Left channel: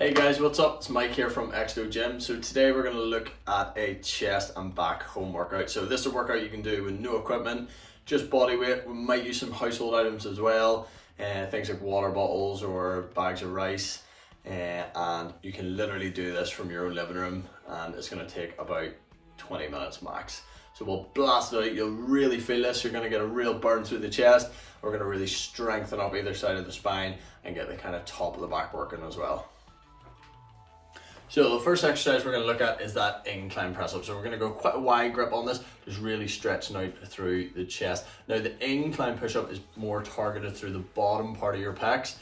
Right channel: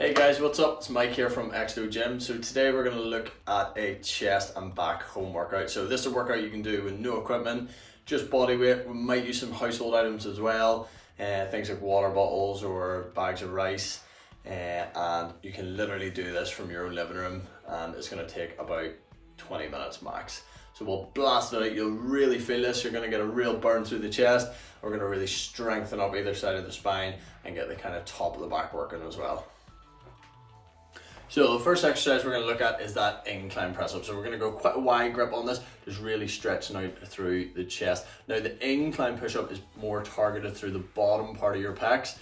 Hey guys, what's up? It's Mike here from Exo Gym. So today we're going to look at a chest and back home workout. So this is a workout you can do with no equipment, just body weight. We might use some household items as well, things like water bottles or bags of rice. And you can literally do this from your own living room, and it's going to take about 20 minutes max. So we'll blast it out. You'll really feel this. You're going to get a real burn through the chest. We're going to really strengthen up either side of the spine and get the kind of top of the back working as well. So the first exercise we're going to look at is that incline press up. So we're going to go quite a wide grip on this, just really stretching out through the chest. Now the incline push up is more targeted through the bottom part of your pecs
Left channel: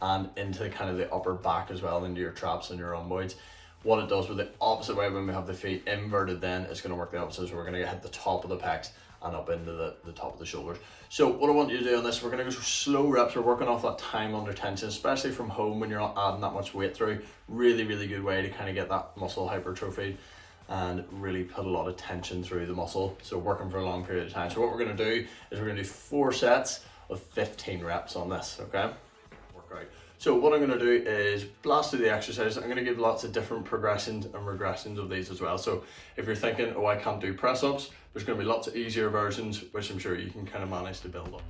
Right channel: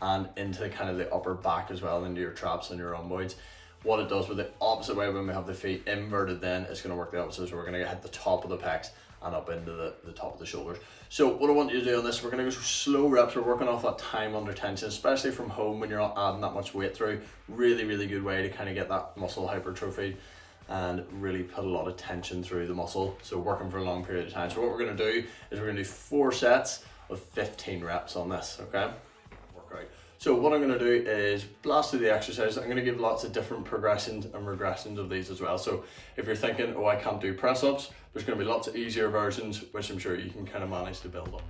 and into kind of the upper back as well, into your traps and your rhomboids. What it does with the opposite way, when we have the feet inverted, then it's going to work the opposite. So we're going to hit the top of the pecs and up into the top of the shoulders. So what I want you to do on this, we're going to go through slow reps. We're working off that time under tension, especially from home when you're not adding that much weight through. Really good way to kind of get that muscle hypertrophy and really put a lot of tension through the muscle. So working for a long period of time. So what we're going to do is we're going to do 4 sets of 15 reps on this, okay? Workout. So what I'm going to do is blast through the exercise. I'm going to give lots of different progressions and regressions of these as well. So if you're thinking, oh, I can't do press ups, there's going to be lots of easier versions, which I'm sure you can kind of manage to build up.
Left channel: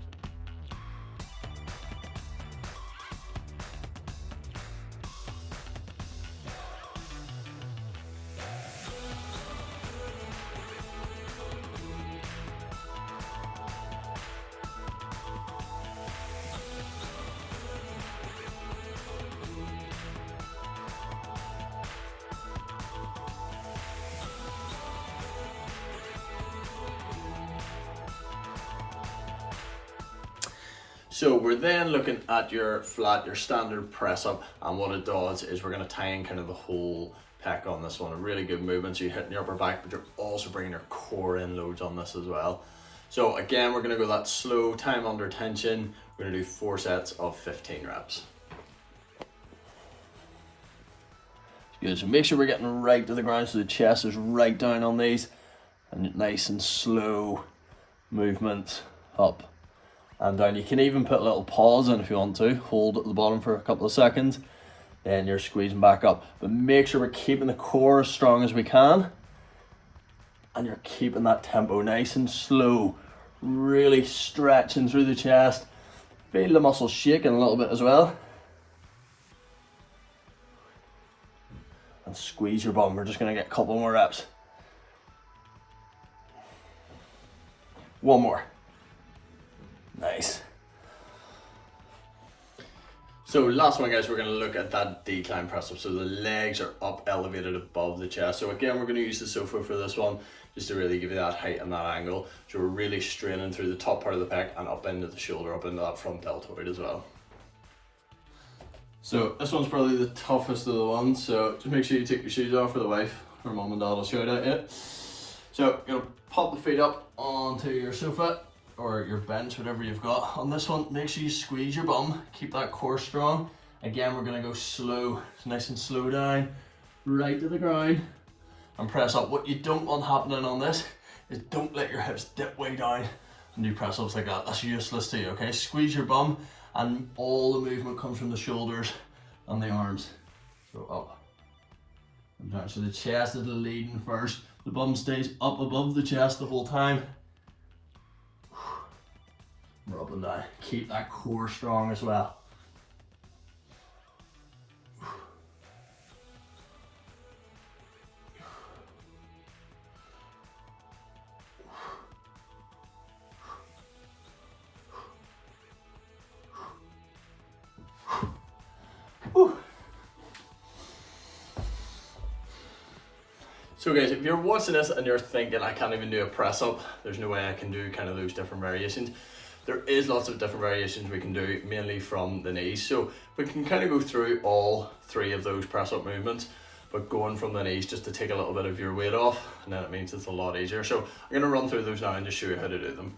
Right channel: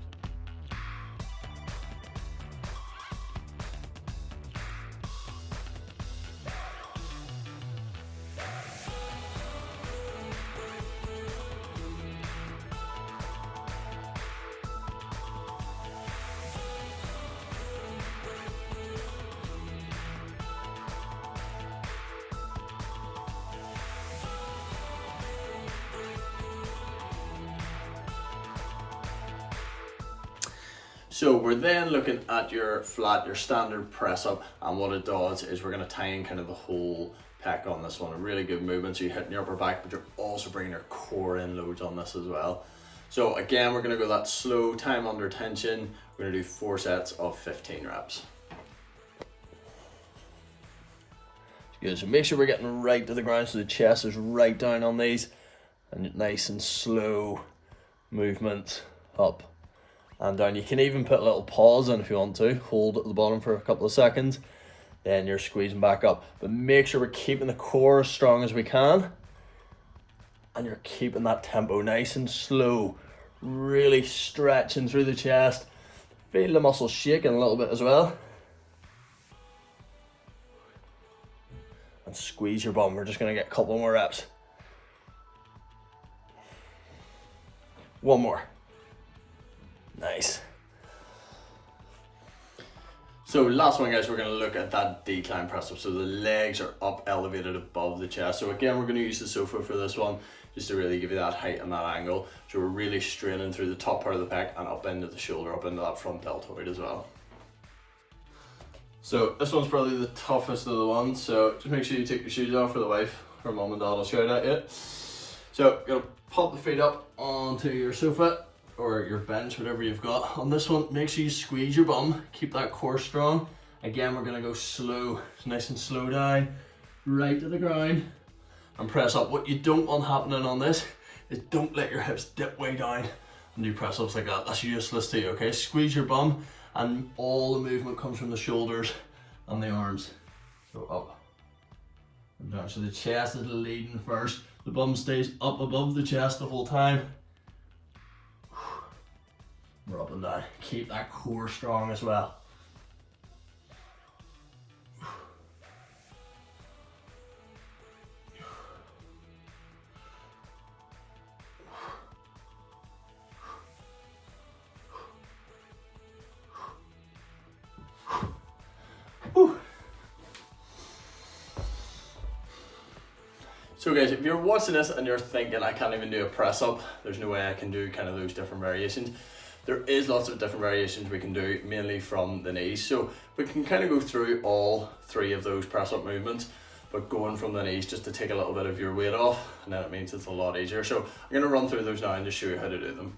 So we're then looking at your flat, your standard press up, and what it does is we're going to tie in kind of the whole pec on this one. A really good movement, so you're hitting your upper back, but you're also bringing your core in loads on this as well. So again, we're going to go that slow time under tension. We're going to do 4 sets of 15 reps. Good, so make sure we're getting right to the ground so the chest is right down on these, and nice and slow movement up and down. You can even put a little pause in if you want to, hold at the bottom for a couple of seconds, then you're squeezing back up. But make sure we're keeping the core as strong as we can, and you're keeping that tempo nice and slow, really stretching through the chest. Feel the muscles shaking a little bit as well. And squeeze your bum. We're just going to get a couple more reps. 1 more. Nice. So last one, guys, we're going to look at that decline press up. So the legs are up, elevated above the chest. So again, we're going to use the sofa for this one, just to really give you that height and that angle. So we're really straining through the top part of the pec and up into the shoulder, up into that front deltoid as well. So this one's probably the toughest of the ones. So just make sure you take your shoes off for the wife or mom and dad will shout at you. So you're going to pop the feet up onto your sofa or your bench, whatever you've got. On this one, make sure you squeeze your bum, keep that core strong. Again, we're gonna go slow, nice and slow down, right to the ground, and press up. What you don't want happening on this is don't let your hips dip way down and do press ups like that. That's useless to you, okay? Squeeze your bum, and all the movement comes from the shoulders and the arms. So up and down. So the chest is leading first. The bum stays up above the chest the whole time. We're up and down. Keep that core strong as well. So guys, if you're watching this and you're thinking, I can't even do a press up, there's no way I can do kind of those different variations. There is lots of different variations we can do, mainly from the knees. So we can kind of go through all 3 of those press up movements, but going from the knees just to take a little bit of your weight off, and then it means it's a lot easier. So I'm gonna run through those now and just show you how to do them.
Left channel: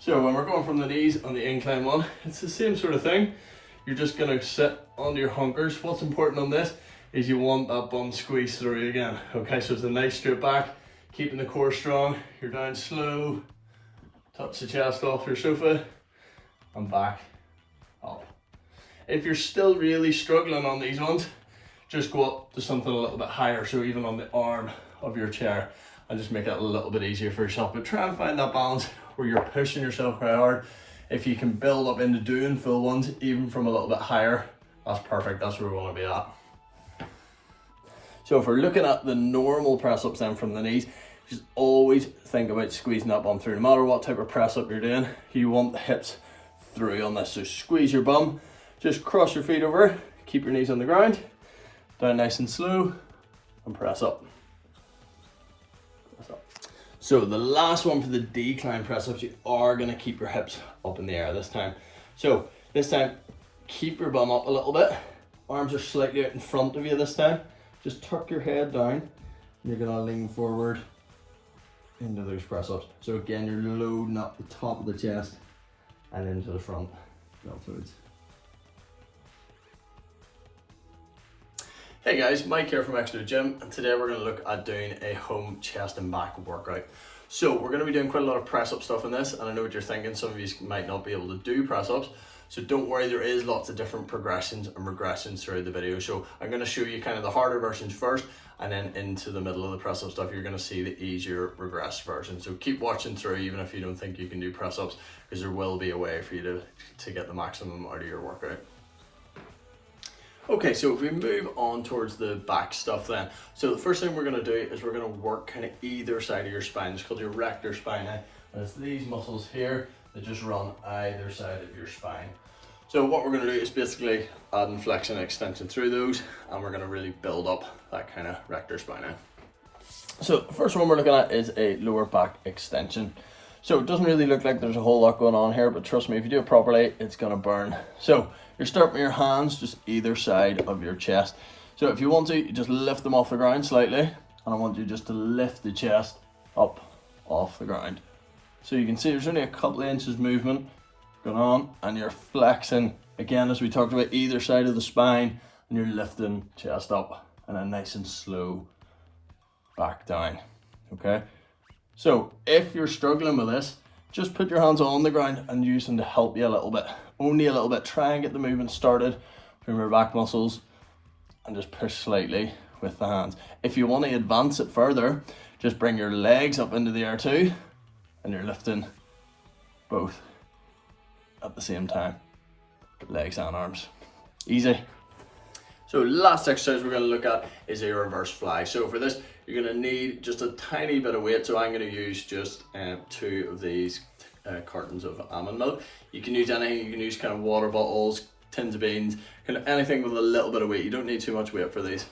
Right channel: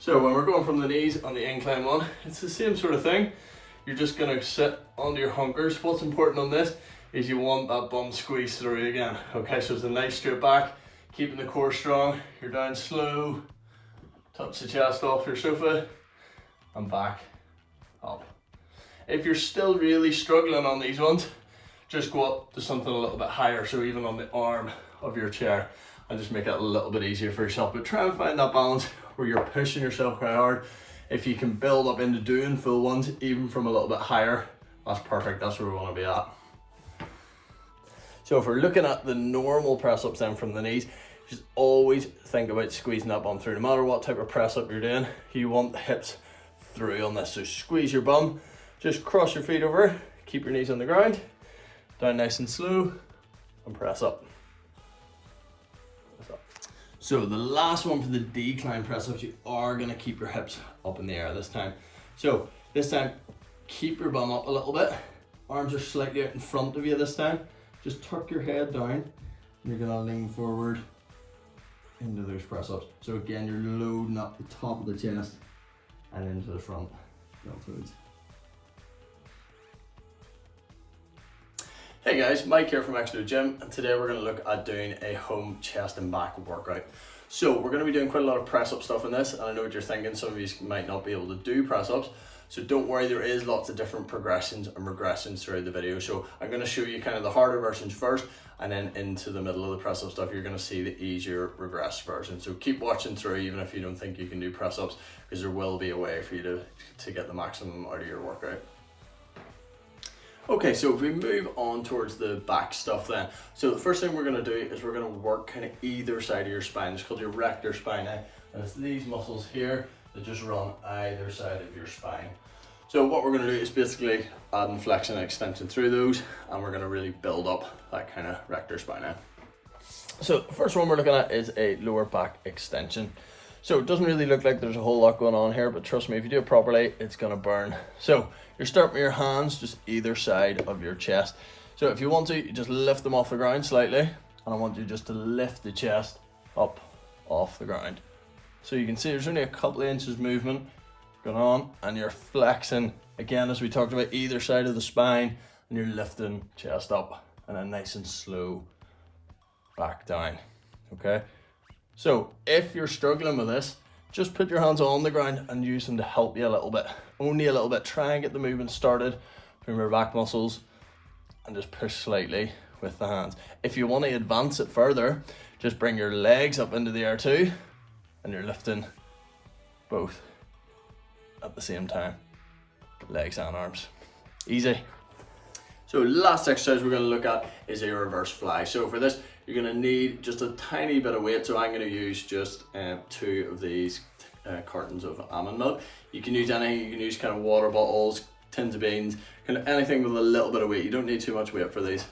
So when we're going from the knees on the incline one, it's the same sort of thing. You're just gonna sit onto your hunkers. What's important on this is you want that bum squeeze through again. Okay, so it's a nice straight back, keeping the core strong. You're down slow. Touch the chest off your sofa and back up. If you're still really struggling on these ones, just go up to something a little bit higher, so even on the arm of your chair, and just make it a little bit easier for yourself. But try and find that balance where you're pushing yourself quite hard. If you can build up into doing full ones, even from a little bit higher, that's perfect. That's where we want to be at. So if we're looking at the normal press ups then from the knees, just always think about squeezing that bum through. No matter what type of press up you're doing, you want the hips through on this. So squeeze your bum, just cross your feet over, keep your knees on the ground, down nice and slow, and press up. So the last one for the decline press ups, you are gonna keep your hips up in the air this time. So this time, keep your bum up a little bit. Arms are slightly out in front of you this time. Just tuck your head down, and you're gonna lean forward into those press ups. So again, you're loading up the top of the chest and into the front. Hey guys, Mike here from Extra Gym, and today we're going to look at doing a home chest and back workout. So we're going to be doing quite a lot of press up stuff in this, and I know what you're thinking, some of you might not be able to do press ups, so don't worry, there is lots of different progressions and regressions throughout the video. So I'm going to show you kind of the harder versions first, and then into the middle of the press up stuff you're going to see the easier regressed version. So keep watching through even if you don't think you can do press ups, because there will be a way for you to get the maximum out of your workout. Okay, so if we move on towards the back stuff then. So the first thing we're going to do is we're going to work kind of either side of your spine. It's called your rector spine. And it's these muscles here that just run either side of your spine. So what we're going to do is basically adding flexion and extension through those, and we're going to really build up that kind of rector spine. So the first one we're looking at is a lower back extension. So it doesn't really look like there's a whole lot going on here, but trust me, if you do it properly, it's going to burn. So you're starting with your hands just either side of your chest. So if you want to, you just lift them off the ground slightly, and I want you just to lift the chest up off the ground. So you can see there's only a couple of inches movement going on, and you're flexing, again, as we talked about, either side of the spine, and you're lifting chest up, and then nice and slow back down, okay? So if you're struggling with this, just put your hands on the ground and use them to help you a little bit. Only a little bit. Try and get the movement started from your back muscles and just push slightly with the hands. If you want to advance it further, just bring your legs up into the air too, and you're lifting both at the same time. Legs and arms. Easy. So last exercise we're going to look at is a reverse fly. So for this, you're going to need just a tiny bit of weight. So I'm going to use just 2 of these cartons of almond milk. You can use anything. You can use kind of water bottles, tins of beans, kind of anything with a little bit of weight. You don't need too much weight for these.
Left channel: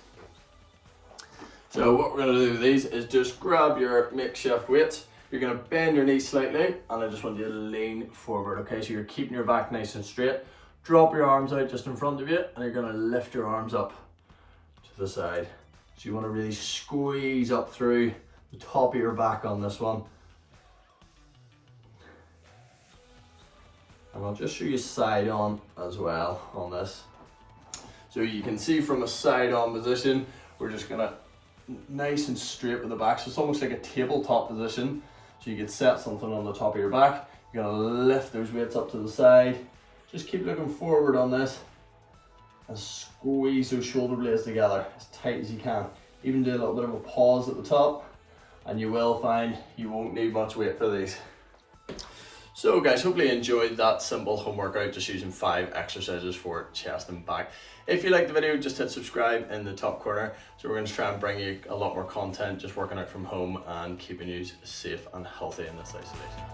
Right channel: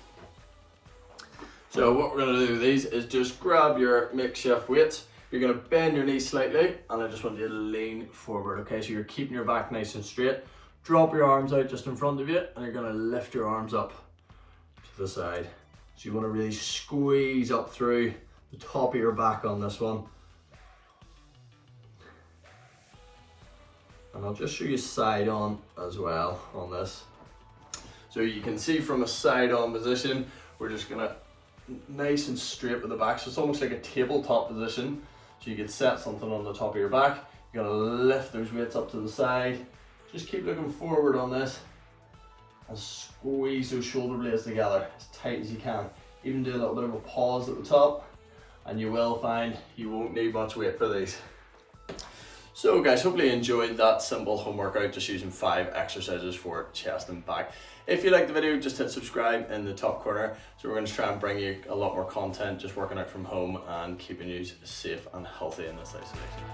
So what we're going to do with these is just grab your makeshift weights. You're going to bend your knees slightly, and I just want you to lean forward, okay? So you're keeping your back nice and straight. Drop your arms out just in front of you, and you're going to lift your arms up to the side. So you want to really squeeze up through the top of your back on this one. And I'll just show you side on as well on this. So you can see from a side on position, we're just going to nice and straight with the back. So it's almost like a tabletop position. So you could set something on the top of your back. You're going to lift those weights up to the side. Just keep looking forward on this and squeeze those shoulder blades together as tight as you can. Even do a little bit of a pause at the top, and you will find you won't need much weight for these. So guys, hopefully you enjoyed that simple home workout just using 5 exercises for chest and back. If you liked the video, just hit subscribe in the top corner. So we're going to try and bring you a lot more content just working out from home and keeping you safe and healthy in this isolation.